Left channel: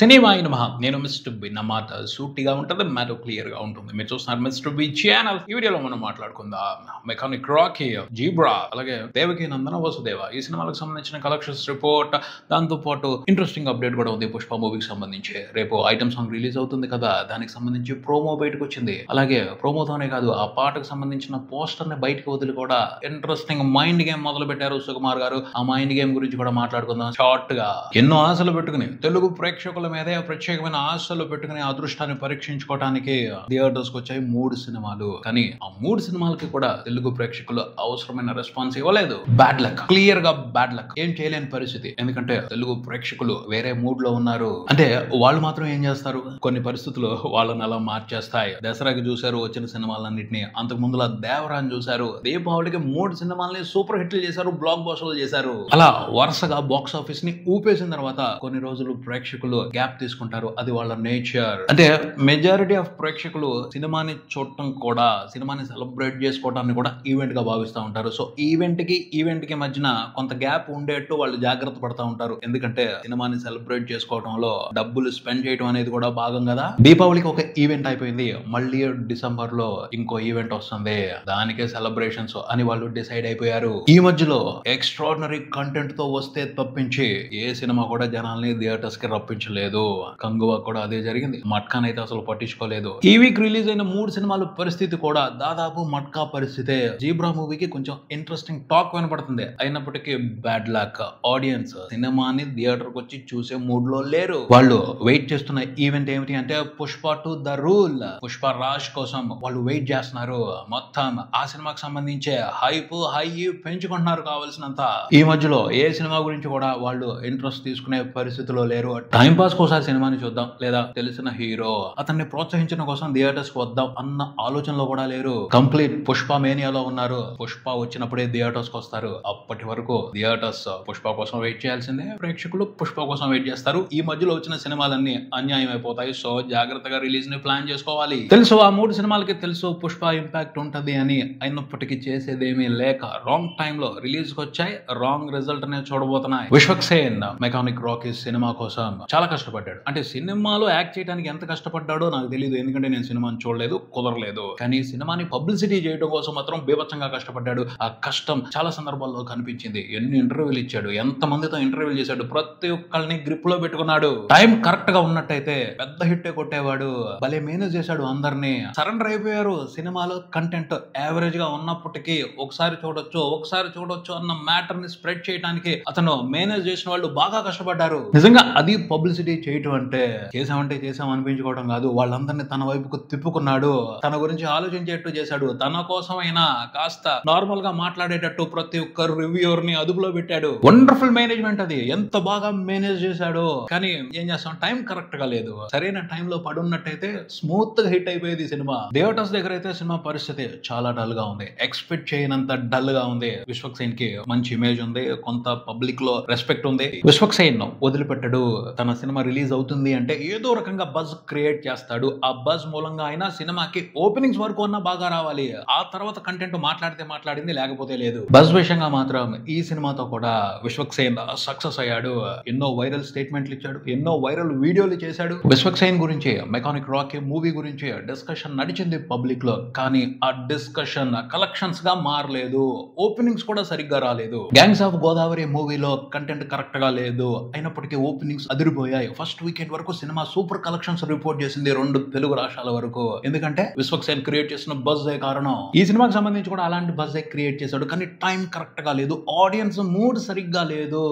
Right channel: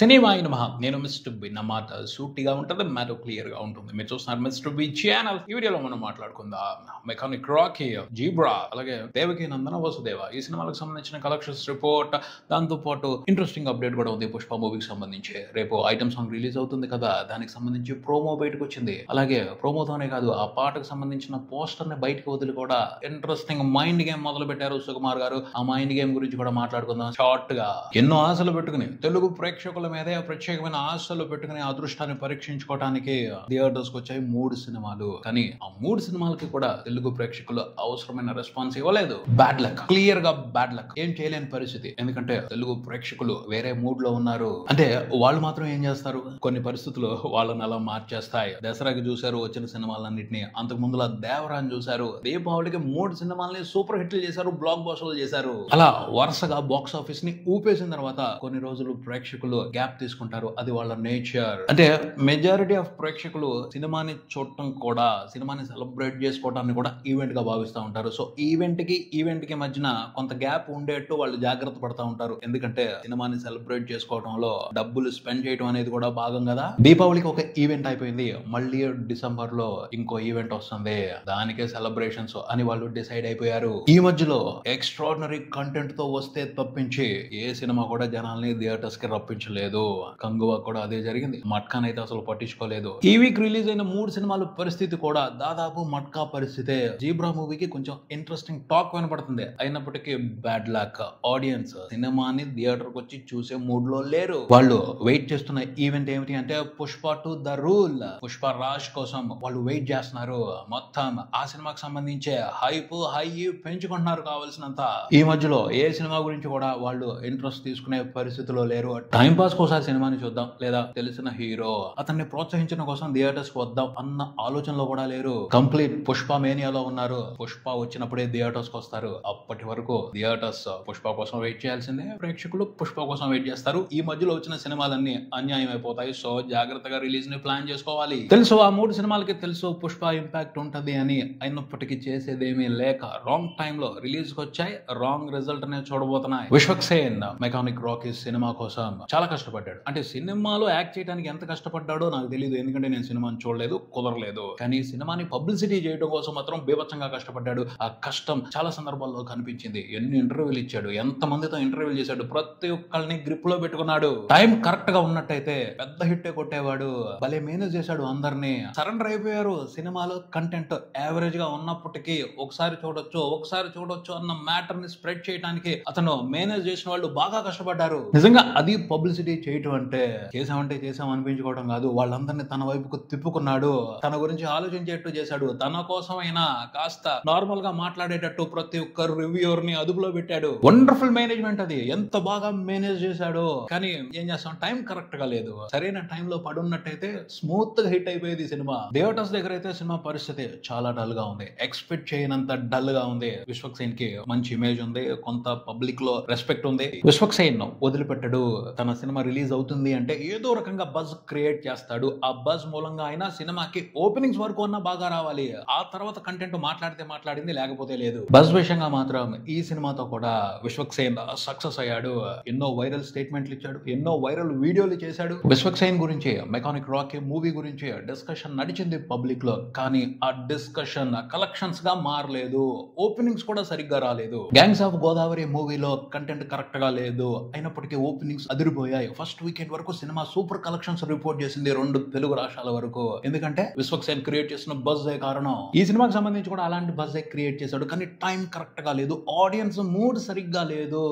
Cinema అయిన మహా నేను మిస్టర్ బి నా మాట సూటిగా ఉంటుంది, మ్యాటర్ క్లియర్ గా ఉంటుంది. మీరు చూస్తున్నారు మిస్టర్ బి ఛానల్. ఈ వీడియోలో మనం మాట్లాడుకుందాం మెకానిక్ రాకీ, జీబ్రా, అలాగే దేవకి నందన వసుదేవ ఈ సినిమాలకు సంబంధించిన కలెక్షన్స్ రిపోర్ట్, దాంతో పాటు ఇంట్రెస్టింగ్ అప్డేట్ కూడా ఉంది పుష్ప మూవీకి సంబంధించి. రేపు ఐటమ్ సాంగ్ రిలీజ్ అవుతుంది కదా, దానికి సంబంధించి ప్రోమో బయటకు వచ్చింది. అలాగే ప్రోమోతోనే కాదు, ఆ పాటకు సంబంధించిన పోస్టర్ ని బయటకు వదిలి కూడా ఇంట్రెస్టింగ్ మైండ్ గేమ్ మొదలు పెట్టారు సుకుమార్ గారు. ఆ మైండ్ గేమ్ గురించి కూడా మాట్లాడుకుందాం షార్ట్ గా. ఎన్నో ఆశలు పెట్టుకుని తెలుగు ప్రేక్షకుల మీదే ప్రత్యేకమైన ఆశలు పెట్టుకుని అదృష్టాన్ని పరీక్షించుకోవడానికి థియేటర్స్ కు వచ్చాయి 3 సినిమాలు. కానీ ఆ 3 సినిమాలకి కూడా తెలుగు ప్రేక్షకులు అవసరమైన రెస్పాన్స్ ఇవ్వలేదు. బ్యాడ్ లక్, క్లియర్ గా బ్యాడ్ లక్. ఏం చేయలేని పరిస్థితి. ఎందుకంటే తెలుగు ప్రేక్షకులు వేరే మూడ్ లో ఉన్నారు. అంటే వాళ్ళు మాత్రం ఏం చేస్తారు, కొన్ని పరిస్థితులు వాళ్ళని అలా మార్చేస్తాయి. దసరాకి చూశారు వచ్చిన సినిమాలన్నింటినీ, అంతకు ముందులా దేవరాన్ని చూశారు. దీపావళికి 3 సినిమాలని సూపర్ హిట్లు చేశారు, బ్లాక్ బస్టర్లు చేశారు. అలా వరుసగా బాక్స్ ఆఫీస్ ని ఊపేసిన తర్వాత కొన్ని రోజులు ప్రేక్షకులు గ్యాప్ తీసుకుంటారు. అది వాళ్ళ నేచర్. అంటే మెజారిటీ ఆఫ్ ప్రేక్షకులు సినిమాని చూడటం కూడా, సినిమాని సెలబ్రేట్ చేసుకోవడాన్ని కూడా ఈవెంట్ గా భావిస్తూ ఉంటారు. సో ఈవెంట్ కి మధ్యన కొంత గ్యాప్ ఉండేట్టు వాళ్ళు జాగ్రత్త పడతా ఉంటారు. ఎందుకంటే సినిమాని సెలబ్రేట్ చేసుకోవడంలో డబ్బులు స్పెండ్ చేయడం అనేది కూడా భాగం కదా. దీపావళికి ఒక ఈవెంట్ అయిపోయింది, మళ్ళీ డిసెంబర్ లో ఇంకో ఈవెంట్ వస్తుంది, దానికే సెలబ్రేషన్స్ అని వాళ్ళు డిసైడ్ అయిపోయారు. ఈ మధ్యలో ఎక్స్ట్రాడినరీ కంటెంట్ తో వస్తే తప్పించి ఏ సినిమా కూడా జనాల్ని థియేటర్స్ కి రప్పించలేదు. కంగువా కూడా అదే జరిగింది. మట్కాన్ అయితే అసలు పట్టించుకోలేదు. ఈ వీక్ రిలీజ్ అయిన 3 సినిమాల పరిస్థితి కూడా దాదాపు మట్కా పరిస్థితే. జీబ్రా మూవీకి కొంచెం ఇంట్రెస్టింగ్ టాక్ వినపడుతుంది. అయినప్పటికీ బ్యాడ్ లక్. ఆడియన్స్ సినిమాని థియేటర్ కు వచ్చి చూసే మూడ్ లో లేరు. వాళ్ళు వెయిట్ చేస్తున్న ఈవెంట్ ఏమిటి అంటే పుష్ప 2 ద రూల్, పుష్ప రాజ్ కోసం వాళ్ళు వెయిట్ చేస్తున్నారు. మొత్తం ఆ సినిమాకి సంబంధించే హై పెంచుకుంటున్నారు కావాల్సినంత. ఈ మధ్యలో ఏ సినిమా గురించి కూడా వాళ్ళు ఇంట్రెస్ట్ తీసుకునే పరిస్థితిలో లేరు. టైం పాస్ కోసం సినిమాని చూద్దాం, లేదా తెలిసిన హీరో అతన్ని ప్రోత్సహించడం కోసం థియేటర్స్ కు వద్దాం అన్న ఆలోచనలో కూడా లేరు. కంప్లీట్ పుష్ప మేనియాలో ఉన్నారు. పుష్ప వచ్చినప్పుడే థియేటర్స్ కు వస్తారు. అప్పటి వరకు థియేటర్స్ పుష్ప కోసం వెయిట్ చేయాల్సిందే, ప్రేక్షకులు పుష్ప కోసం వెయిట్ చేస్తారు. ఈ మధ్యలో వచ్చిన సినిమాలన్నీ అన్యాయం అయిపోతాయి. సో జాగ్రత్తగా రిలీజ్ ని ప్లాన్ చేసుకోవాలి. తెలుసు ఆ 3 సినిమాలకి తెలుసు పుష్ప ఇంపాక్ట్ ఉంటది అని, అయినప్పటికీ చేసేదేమీ లేక రాంగ్ టైమ్ లో రిలీజ్ కు వచ్చాయి. రాంగ్ రిజల్ట్ నే చూడబోతున్నాయి. విశ్వక్సేన్ మెకానిక్ రాకీ సినిమా కోసం చాలా కష్టపడ్డాడు. అంటే సినిమాలో యాక్ట్ చేయడానికి ఎంత కష్టపడ్డాడో నాకు తెలియదు, ఎందుకంటే నేను సినిమాని చూడలేదు, కుదరలేదు. కానీ సినిమాని పబ్లిసిటీ చేయడం కోసం మాత్రం బీభత్సంగా కష్టపడ్డాడు. ఆ కష్టం చాలా సందర్భాల్లో కనిపించింది. ఎన్ని ఇంటర్వ్యూలు ఇచ్చాడు, ఎంత మందితో ఇంటర్వ్యూలు చేశాడు, ప్రతి ఒక్కరిని గ్రిప్ లో పెట్టుకున్నాడు. టైం కరెక్ట్ గా ఉన్నట్టయితే పెద్ద హిట్ కొట్టేవాడు. భలే మేనేజ్ చేశాడు అందరినీ. సరెండర్ అయిపోయారు. సినిమాలో కంటెంట్ యావరేజ్ గా ఉన్నప్పటికీ ఒకసారి చూడొచ్చు అన్న మ్యాటర్ ని స్ప్రెడ్ చేయడానికి అతను మేనేజ్ చేసిన వాళ్ళు బాగా కష్టపడ్డారు. నిజంగా అది పబ్లిసిటీ చేయటం అంటే చేసాం అనిపించుకోవడం కాదు. వాళ్ళందరినీ తన వైపుకు తిప్పుకున్నాడు. తన గురించి ఆలోచించేట్టు చేశాడు. తన కోసమైనా కాస్త నార్మల్ గా మాట్లాడేటట్టు ప్రతి ఒక్కరు రివ్యూర్ ని అదుపులో పెట్టాడు. వండర్ఫుల్ మేనేజ్మెంట్ అది. ఎంత బాగా మేనేజ్ చేశాడు. కానీ ఏం చేస్తాం, టైం కరెక్ట్ గా లేదు. సరైన టైంలో పడున్నట్టయితే స్మూత్ గా హిట్ అయిపోయేది సినిమా. థియేటర్స్ దగ్గర అయితే సినిమా పరిస్థితి చాలా డల్ గా ఉంది. ఎక్స్పెక్ట్ చేయనంత డల్ గా ఉంది. విశ్వక్సేన్ కి మంచి ఇమేజ్ ఉంది, కొంత పబ్లిక్ లో రెస్పెక్ట్ ఉంది. విశ్వక్సేన్ వదిలిపెట్టడు. తన సినిమా రిలీజ్ అవుతుంది అంటే ఏదో రకంగా బజ్ క్రియేట్ చేస్తాడు. ఆ బజ్ మూలంగా అయినా సినిమాకి ఓపెనింగ్స్ వరకు అన్నా బాగా రావాలి. ఆ తర్వాత కంటెంట్ మాట్లాడితే మాట్లాడింది, లేకపోతే లేదు. బజ్ విషయంగా మాత్రం ఈ సినిమాతో కూడా విశ్వక్సేన్ సక్సెస్ అయ్యాడు. ఎన్నో వైరల్ స్టేట్మెంట్లు ఇచ్చాడు, ఎన్నో వైరల్ వీడియోలు చేశాడు. విశ్వక్సేన్ గురించి, మెకానిక్ రాకీ మూవీ గురించి డిస్కషన్ నడిచింది పబ్లిక్ లో. కానీ ఆ డిస్కషన్ కలెక్షన్స్ గా మారలేదు. ఓపెనింగ్స్ కూడా సరిగ్గా రాలేదు. గ్యాంగ్స్ ఆఫ్ గోదావరి మూవీలో కంటెంట్ కరెక్ట్ గా లేదు, అయినప్పటికీ ఓపెనింగ్స్ అదిరిపోయాయి. ఫస్ట్ వీకెండ్ వరకు సినిమా సూపర్ కలెక్షన్స్ రిపోర్ట్ చేసింది 2 తెలుగు రాష్ట్రాల వరకు. ఎందుకంటే విశ్వక్సేన్ క్రియేట్ చేసిన బజ్ కారణం. ఈ సినిమాకి సంబంధించి కూడా అలాంటి బజ్ క్రియేట్ చేశాడు. కానీ టైం కరెక్ట్ గా లేదు. ఆడియన్స్ మూడ్ సరిగ్గా లేదు.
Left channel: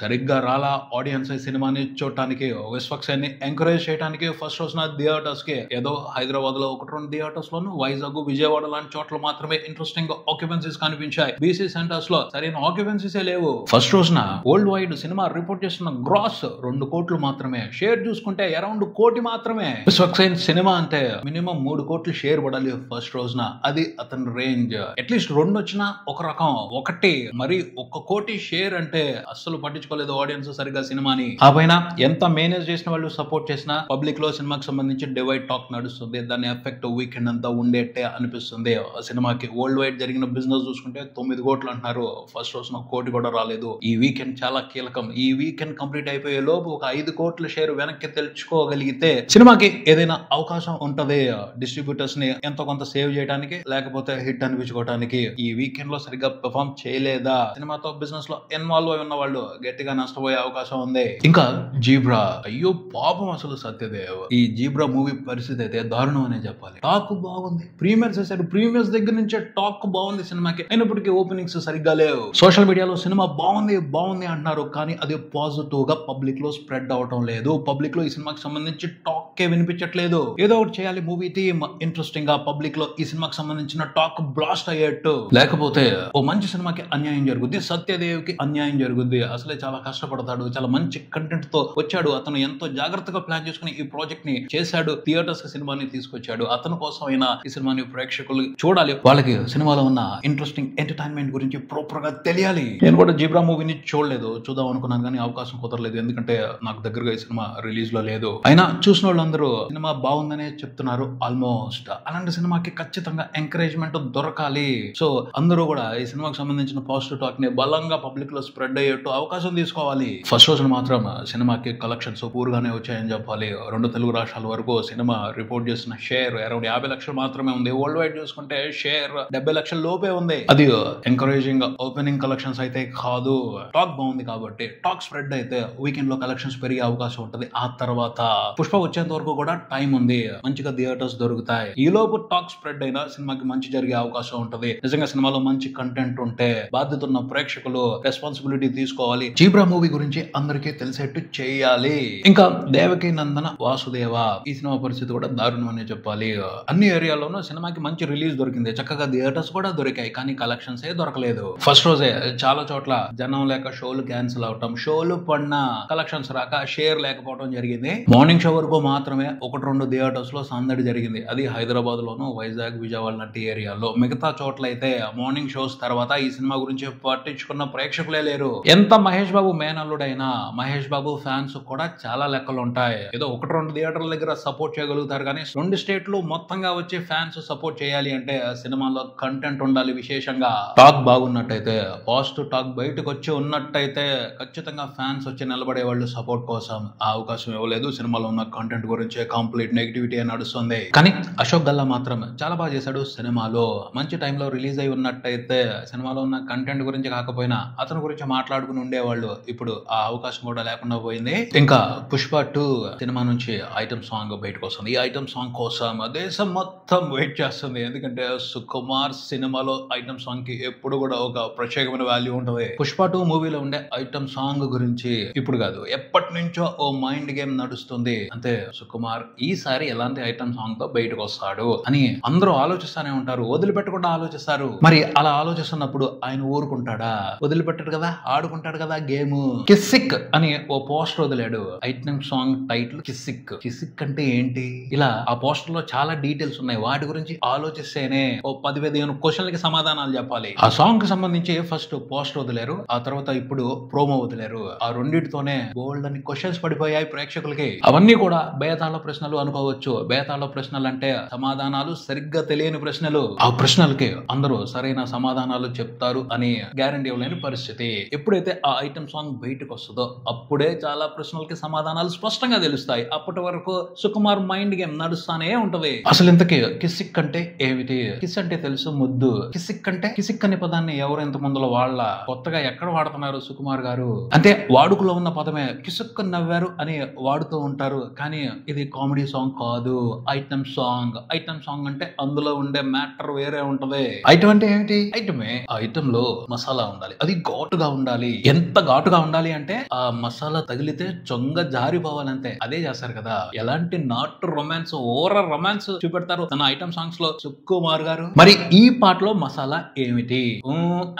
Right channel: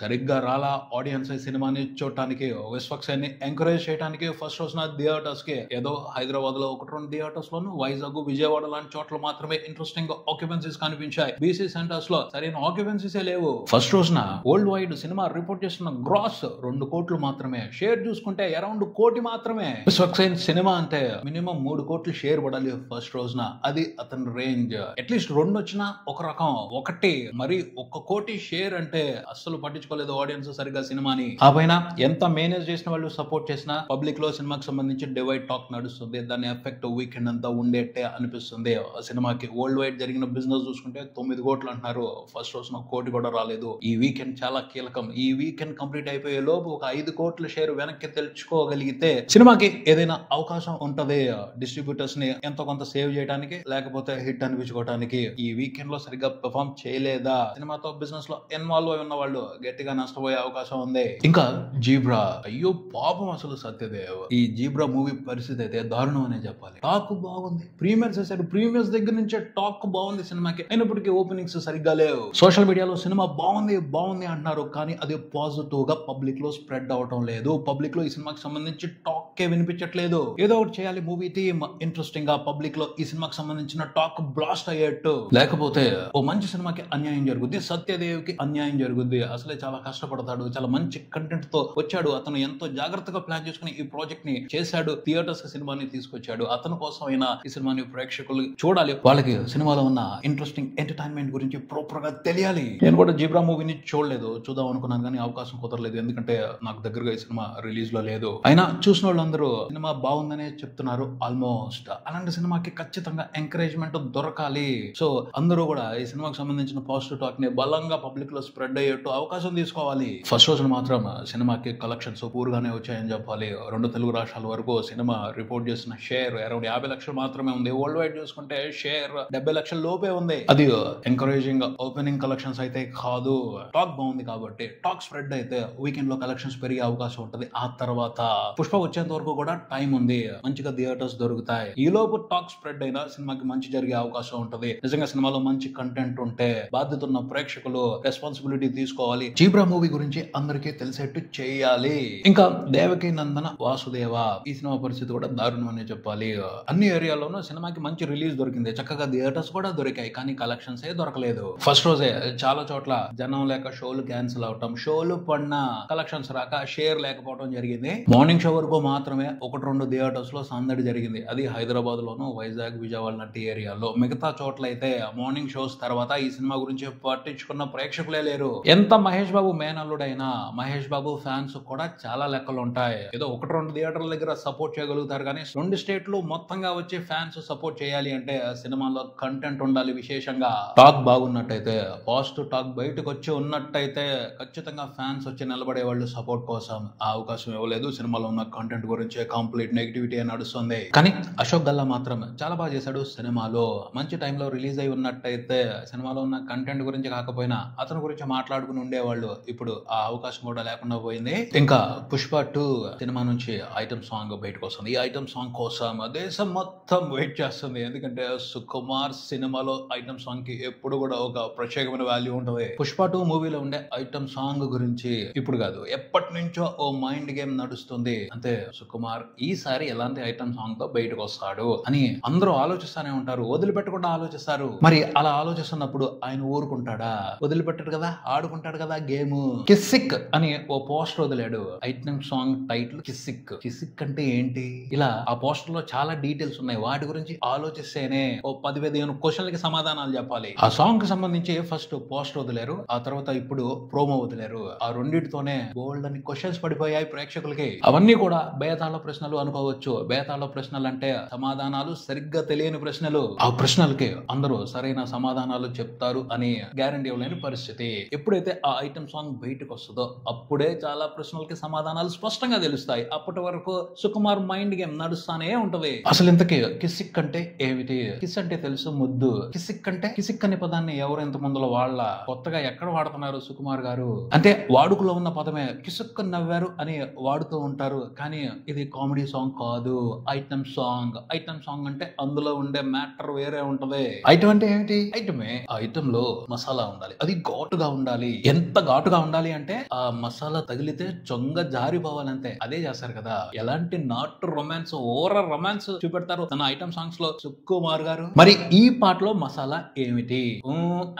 సరిగ్గా రాలా ఆడియన్స్ సినిమాని చూడటానికి, విశ్వక్సేన్ ని ఎంకరేజ్ చేయడానికి. ఫస్ట్ రోజున థియేటర్స్ కి ఏదో హైదరాబాద్ లో 1-2 థియేటర్స్ లోను, వైజాగ్, విజయవాడ లాంటి చోట్ల మాత్రమే ఇంట్రెస్టింగ్ ఆక్యుపెన్సీస్ కనిపించాయి. బీసీ సెంటర్స్ లో సరైన ఆక్యుపెన్సీస్ లేవు. ఫస్ట్ రోజున వరల్డ్ వైడ్ సినిమా రిపోర్ట్ చేస్తున్న గ్రాస్ 2 కోట్లు మాత్రమే. షేర్ చూసుకుంటే అరౌండ్ 1 కోటి మాత్రమే. విశ్వక్సేన్ సినిమా అంటే మినిమం 3 కోట్లు షేర్ పడాలి ఫస్ట్ రోజున. అది అతని రేంజ్. అట్లీస్ట్ 2 వచ్చినా ఒక రకం, 1 మరి 1 కోటి షేర్ అంటే అస్సలు పట్టించుకోలేదు ఆడియన్స్ సరిగ్గా సినిమాని. ఆ పైన ఎంత మేనేజ్ చేసిన వాళ్ళు సపోర్ట్ చేసినా పబ్లిక్ లో సినిమాకి సంబంధించి డివైడ్ టాక్ నడుస్తుంది. దాని ఎఫెక్ట్ వీకెండ్ అంతా ఉండేట్టే అనిపిస్తుంది. సినిమాకి వరల్డ్ వైడ్ జరిగిన బిజినెస్ చూసుకుంటే 9 కోట్లు అంటున్నారు. ఫస్ట్ రోజున 1 కోటి కూడా రాలేదు. ఈ వీకెండ్ చాలా కీలకం. ఈ వీకెండ్ కంప్లీట్ అయిపోయే లోపు ఒక 5 కోట్ల షేర్ వెనక్కి తెచ్చుకోగలిగితే సినిమాకి ఏదైనా అవకాశం ఉంటది డిస్ట్రిబ్యూటర్స్ ని ఎంతో కొంత సేవ్ చేయడానికి, లేకపోతే హిట్ అనిపించుకోవడానికి. ఈ వీకెండ్ లో సరిగ్గా పెర్ఫార్మ్ చేయలేదా, సినిమాతో బిజినెస్ లో ఇన్వాల్వ్ అయి ఉన్న వాళ్ళు గట్టిగా నష్టపోయే అవకాశం ఉంది. ఇంకా జీబ్రా, అయ్యో పాపం అసలు సత్యదేవ్, ఈ జీబ్రా మూవీ పరిస్థితి అయితే దారుణం అనే చెప్పాలి. టాక్ బాగుంది, ప్రీమియర్స్ చేశాడు, ప్రీమియర్స్ దగ్గర నుంచే టాక్ బాగుంది సినిమాకి, అయినప్పటికీ ఓపెనింగ్స్ సరిగ్గా లేవు. సోషల్ మీడియాలో సినిమా బాగుంది బాగుంది అంటున్నారు, కానీ అది పాజిటివ్ గా పబ్లిక్ లో స్ప్రెడ్ అవటం లేదు. పబ్లిక్ లో ఈ సినిమాకి సంబంధించి టాక్ వినిపించట్లేదు. ఏదో ఒకటి చేయాలి, మూవీ థీమ్ ఇంట్రెస్టింగ్ గా పబ్లిక్ లో ఈ సినిమాకి సంబంధించిన టాక్ బ్లాస్ట్ అయ్యేట్టు, లేకపోతే ఓ మంచి సినిమాకి అన్యాయం జరుగుద్ది, సత్యదేవ్ కి అన్యాయం జరుగుద్ది. అసలే చాలా కష్టపడతాడు, చాలా మంచి కంటెంట్ తో వచ్చాడు, అతను ఎంతో జాగ్రత్తగా ప్లాన్ చేసుకుని ఈ ప్రాజెక్ట్ ని చేశాడు, థియేటర్స్ కి సినిమాని తీసుకొచ్చాడు. అతని కోసం అయినా ఈ సినిమాని ప్రేక్షకులు చూడాలి, వాళ్ళకి సినిమాలో ఉన్న ఇంట్రెస్టింగ్ ఎంటర్టైన్మెంట్ గురించి ప్రాపర్ గా తెలియాలి. నేను కూడా జీబ్రా మూవీని చూడలేదు, చూద్దాం అనుకున్నాను కానీ అవకాశం కుదరలేదు, ఎందుకంటే నాకు దగ్గరగా ఈ సినిమా రిలీజ్ లో లేదు. అయినా చూసిన వాళ్ళందరూ సినిమా బాగుందనే చెప్తున్నారు ఆల్మోస్ట్. అలాంటి సినిమాకి ఖచ్చితంగా ఎంకరేజ్మెంట్ దొరకాలి. సో అందరూ కూడా ఈ సినిమాకి సంబంధించిన పాజిటివ్ టాక్ ని బలంగా పబ్లిక్ లో స్ప్రెడ్ అయ్యేట్టు అవకాశం తీసుకోవాలి. ఫస్ట్ రోజున మాత్రం సినిమాకి కలెక్షన్స్ పూర్గానే వచ్చాయని చెప్పాలి. 2 తెలుగు రాష్ట్రాల వరకు సినిమా రిపోర్ట్ చేసిన షేర్ అరౌండ్ 50 లక్షలు మాత్రమే ఉంది. వరల్డ్ వైడ్ చూసుకుంటే షేర్ 70 లక్షల లోపే ఉంది. అది ఎంకరేజింగ్ ఓపెనింగ్ కలెక్షన్స్ అయితే కాదు. టాక్ బాగుంది కాబట్టి, టాక్ స్ప్రెడ్ అయితే వీకెండ్ లో కలెక్షన్స్ పెరిగే అవకాశం ఉంటుంది. ఆ తర్వాత పుష్ప వచ్చేంత వరకు కూడా టైం ఉంది, మంచిగా థియేటర్స్ దొరుకుతాయి. ఈ లోపు టాక్ స్ప్రెడ్ అయినా సినిమాకి మంచి జరిగే అవకాశం ఉంటుంది. నిజంగా సినిమాలో మంచి కంటెంట్ ఉంటే బాధ్యత ఉన్న ప్రేక్షకులు రెస్పాన్సిబిలిటీ తీసుకోవాలి. జీబ్రా మూవీ గురించి అందరికీ తెలిసేట్టు చేయాలి. ఇంకా దేవకి నందన వాసుదేవ, ఈ సినిమా పరిస్థితి కూడా దారుణం అనే చెప్పాలి. అన్ని ఏరియాల్లోనూ సినిమాకి మంచి రిలీజ్ దొరికింది, చక్కగా థియేటర్స్ కూడా దొరికాయి, కానీ కలెక్షన్స్ ఏ దొరకలేదు. ఫస్ట్ రోజే చాలా చోట్ల జనం లేక షోలు క్యాన్సిల్ అవటం, షోలు పడిన కలెక్షన్స్ రాక షేర్ లేకపోవడం జరిగింది. మార్నింగ్ షో వరకు మాత్రమే 1-2 థియేటర్స్ లో సందడి జరిగింది, అది హైదరాబాద్ లోను, వైజాగ్, విజయవాడ లాంటి ఏరియాలో. మిగతా చోట్ల అయితే మార్నింగ్ షోస్ తర్వాత ఈ సినిమా గురించి పట్టించుకున్న ప్రేక్షకులే లేరు. ఎంత మహేష్ బాబు మేనల్లుడైనా మహేష్ బాబు ఫ్యాన్స్ కూడా చాలా లెక్కలు ఉంటాయి. ఏదో 1-2 థియేటర్ల దగ్గర సపోర్ట్ చేయగలుగుతారు, కానీ 2 స్టేట్లు మొత్తంగా వచ్చి ఫ్యాన్స్ సపోర్ట్ చేయాలి అంటే సినిమాలో కంటెంట్ ఉండాలి. విశేషంగా టాక్ బాగున్నట్టయితే, పాజిటివ్ టాక్ బయటకు వచ్చి ఉన్నట్టయితే ఖచ్చితంగా ఫ్యాన్స్ వచ్చి నిలబడే వాళ్ళు సపోర్ట్ కోసం. ఆ అవకాశం ఇవ్వలేదు. సినిమాలో ఉన్న కంటెంట్ గురించి కంప్లీట్ నెగిటివిటీ నడుస్తుంది. కానీ అశోక్ గల్లా మాత్రం చాలా బాగా చేశాడు. సినిమాలో మంచి టైంలో రిలీజ్ అయి ఉన్నట్టయితే సినిమాలో ఉన్న కంటెంట్ గురించి కాకపోయినా అతని గురించి మాట్లాడుకుని ఉండేవాళ్ళు. ఇప్పుడు ఆ అవకాశం కూడా లేకుండా పోయింది. ఇంకా పుష్ప 2 సినిమా నుంచి ఐటమ్ సాంగ్ బయటకు వస్తుంది. ఈ ఐటమ్ సాంగ్ కోసం దేశం మొత్తం వెయిట్ చేస్తుంది, ఎందుకంటే సుకుమార్ సినిమాలో ఐటమ్ సాంగ్ కి ఎప్పుడు కూడా ఒక ప్రత్యేకమైన వాల్యూ ఉంటుంది. పుష్ప 2 మూవీలో ఉండే ఐటమ్ సాంగ్ గురించి ఇప్పుడు కాదు, ఎప్పటి నుంచో ఓ మైండ్ గేమ్ నడుస్తుంది. అంటే సుకుమార్ ఈసారి ఎలాంటి ఐటమ్ సాంగ్ తో బయటకు వస్తాడు అని అందరూ ఆలోచిస్తానే ఉంటారు, వదిలిపెట్టకుండా ఆలోచిస్తారు. మరి అలా ఆలోచిస్తున్నప్పుడు ఆయన ఊరుకుంటాడా? వదిలిపెట్టాడు కదా, ఆడుకుంటాడు కదా గేమ్. కిస్సిక్ అని ఓ పోస్టర్ వదిలాడు. Item song title Kissik. Kissik అంటే ఏంటి? ఇలా ఆ పోస్టర్ లో చాలా డీటెయిల్స్ ఉన్నాయి, వాటి గురించి ఆలోచిస్తేనే ఓ 10-15 క్వశ్చన్లకి సమాధానాలు చెప్పాలి. ఆ సాంగ్ కి సంబంధించి ఫస్ట్ పోస్టర్ వదిలారు, ఆ తర్వాత ఇప్పుడు ప్రోమో వదిలారు. ఆ రెండింటితోనే బోల్డ్ అని క్వశ్చన్స్ పడిపోయాయి ప్రేక్షకులకి. అవన్నీ కూడా బేతాళ ప్రశ్నలు అనుకోవచ్చు. బేతాళ ప్రశ్నలు అంటే సమాధానాలు సరిగ్గా తెలియని ప్రశ్నలు. ఆ ప్రశ్నలకి అందరూ సరైన సమాధానాలు చెప్తారు అని గ్యారంటీ ఇవ్వలేని పరిస్థితి. ఎప్పుడైతే ఆ ఐటమ్ సాంగ్ బయటకు వస్తుందో అప్పుడే చాలా ప్రశ్నలకి సమాధానాలు స్పష్టంగా తెలుస్తాయి. అప్పటి వరకు సుకుమార్ మైండ్ గేమ్ నడుస్తానే ఉంటది. అసలు ఇంతకీ కిస్సిక్ అంటే ఏమిటి? కిస్ అంటే తెలుసు, ముద్దు. కిస్సిక్ అంటే, కిస్సిక్ అనే పదాన్ని ఎవరు ఇంత ముందులో వాళ్ళ కొత్తగా ఎక్కడ వాడుతున్నారు సుకుమార్ గారు? అంటే వాడుకలో ఉన్న పదమే కిసుక్ నవ్వారు అని వాడుతూ ఉంటారు, కానీ ఇది కామెడీ సాంగ్ కాదు, ఐటమ్ సాంగ్. ఐటమ్ సాంగ్ అంటే అందులో ఉండే మ్యాటర్ వేరే ఉంటది. ఐటమ్ అంటే ఏంటి? ఐటమే. ఆ ఐటమ్ లో మసాలా ఉండాలి, అది ఘాటుగా ఉండాలి. ఎంత ఘాటుగా ఉండాలి అంటే ఆ మసాలా తగిలితే చొంగ జారిపోవాలంతే. అదే చేస్తారు కదా. ఎలాంటి నాటు రొమాన్స్, ఓవర్ రొమాన్స్ చూపెడతారు తన ఐటమ్ సాంగ్స్ లో సుకుమార్ గారు. మరి ఈ పాటలో మసాలా ఏమిటి?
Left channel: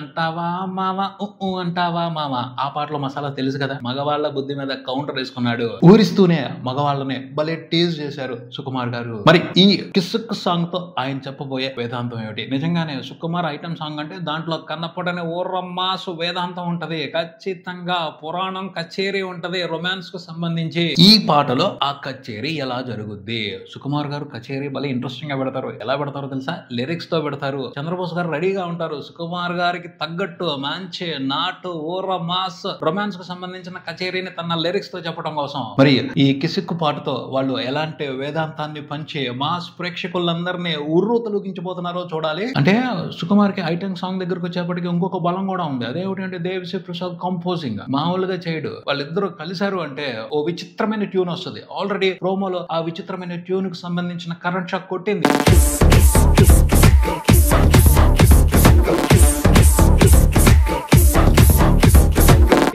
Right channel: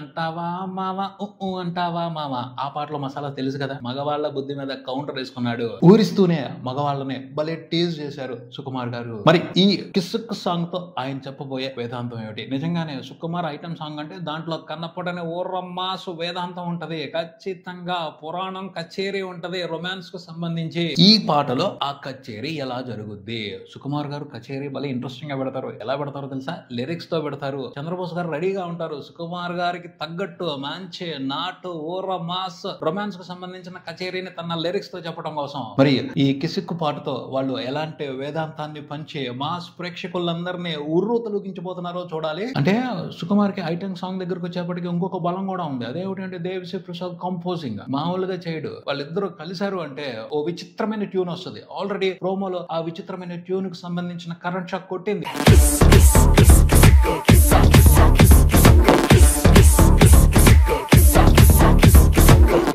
అంటావా మావా, అంటావా మావా. ఆ పాటలో మసాలా తెలుసు కదా. మగవాళ్ళ బుద్ధి మీద కౌంటర్ వేసుకున్నాడు, ఊరిస్తూనే మగవాళ్ళని భలే టీజ్ చేశారు సుకుమార్ గారు. మరి ఈ కిస్సుక్ సాంగ్ తో ఆయన చెప్పబోయే వేదాంతం ఏమిటి? నిజంగానే సుకుమార్ ఐటమ్ సాంగ్ అంటే దాంట్లో కన్నపడని ఓ రొమాన్స్ వేదాంతం ఉంటది, ఖచ్చితంగా పురాణం కచేరీ ఉంటది రొమాన్స్ కు సంబంధించి. ఈ పాటలో ఆ కచేరీ ఎలా జరుగుద్ది? సుకుమార్ గారు కచేరీ భలే ఇంట్రెస్టింగ్ గా పెడతారు. ఎలా పెడతారో తెలుసా? లిరిక్స్ తో పెడతారు. చంద్రబోస్ గారు రెడీగా ఉంటారు, సుకుమార్ గారికి తగ్గట్టు మంచి నాటు ఓ రొమాన్స్ కు సంబంధించిన కచేరీని తన లిరిక్స్ తో చెప్పడం కోసం మరి ఈ కిసిక్కు పాటతో వాళ్ళు ఎలాంటి వేదాంతాన్ని పంచి మాస్ ప్రేక్షకులందరినీ ఉర్రు తొలగించిపోతున్నారో చూడాలి. అంటే సుకుమార్ కి ఐటెం సాంగ్ దగ్గరకు వచ్చేప్పటికి ఇంకొక బలం కూడా ఉంది. అదేమిటంటే దేవిశ్రీ ప్రసాద్ కంపోజింగ్ మామూలుగా చేయడు. వాళ్ళిద్దరూ కలిశారు అంటే ఓ విచిత్రమైన ట్యూన్ వస్తుంది. ఆల్రెడీ ప్రోమోలో ఆ విచిత్రమైన ట్యూన్ కు సంబంధించిన కరెంట్ షాక్ కొట్టింది.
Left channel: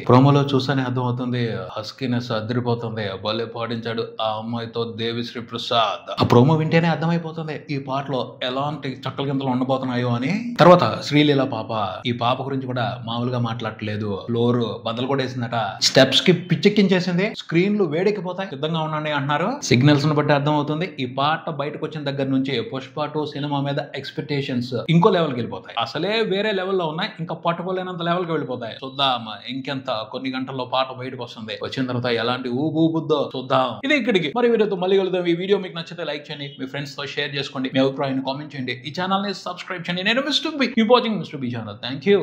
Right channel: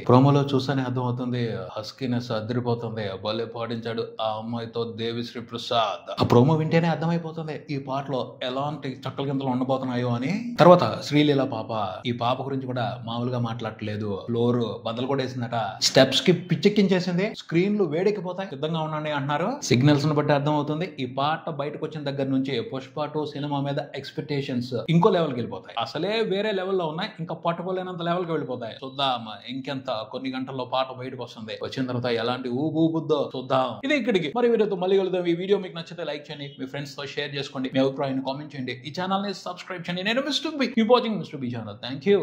ప్రోమోలో చూసానే అర్థం అవుతుంది. హస్కీనెస్ అదిరిపోతుంది. భలే పాటించాడు ఆ అమ్మాయితో దేవిశ్రీ ప్రసాద్. ఆ ప్రోమో వింటేనే అర్థమైపోతుంది ఈ పాటలో ఎలాంటి చక్కల కిందలు ఉండబోతున్నాయో అని. తర్వాత శ్రీలీల పాప, ఈ పాప గురించి కూడా మామూలుగా మాట్లాడట్లేదు. ఫ్లోర్ బద్దలు కూడా వేసిందట. స్టెప్స్ కి పిచ్చెక్కించేసింది. స్క్రీన్లు వేడెక్కిపోతాయి, సిద్ధంగా ఉండండి అంటున్నారు. సిగ్నల్స్ ను బట్టి అర్థం అవుతుంది ఈ పాట బయటకు వచ్చిన దగ్గర నుంచి పుష్ప 2 సినిమా మీద ఎక్స్పెక్టేషన్స్ ఇంకో లెవెల్కి వెళ్ళిపోతాయి. అసలే వేరే లెవెల్లో ఉన్నాయి, ఇంకా పట్టుకోలేనంత లెవెల్కి వెళ్ళిపోతాయి. చూద్దాం ఇంకెంత కొన్ని గంటల్లో పాట బయటకు వస్తుంది. వచ్చిన తర్వాత ఎలాంటి ఊబుద్దో చూద్దాం. ఇది ఇక్కడికి. మరి వీడియోతో మళ్ళీ కలుద్దాం. ఈ వీడియో మీకు నచ్చితే లైక్ చేయండి, మీ ఫ్రెండ్స్ తో షేర్ చేసుకోండి, మీ అభిప్రాయాన్ని కామెంట్ చేయండి. ఈ ఛానల్ ని సబ్స్క్రైబ్ చేయండి. నేను mister B, keep watching mister B channel. Thank you.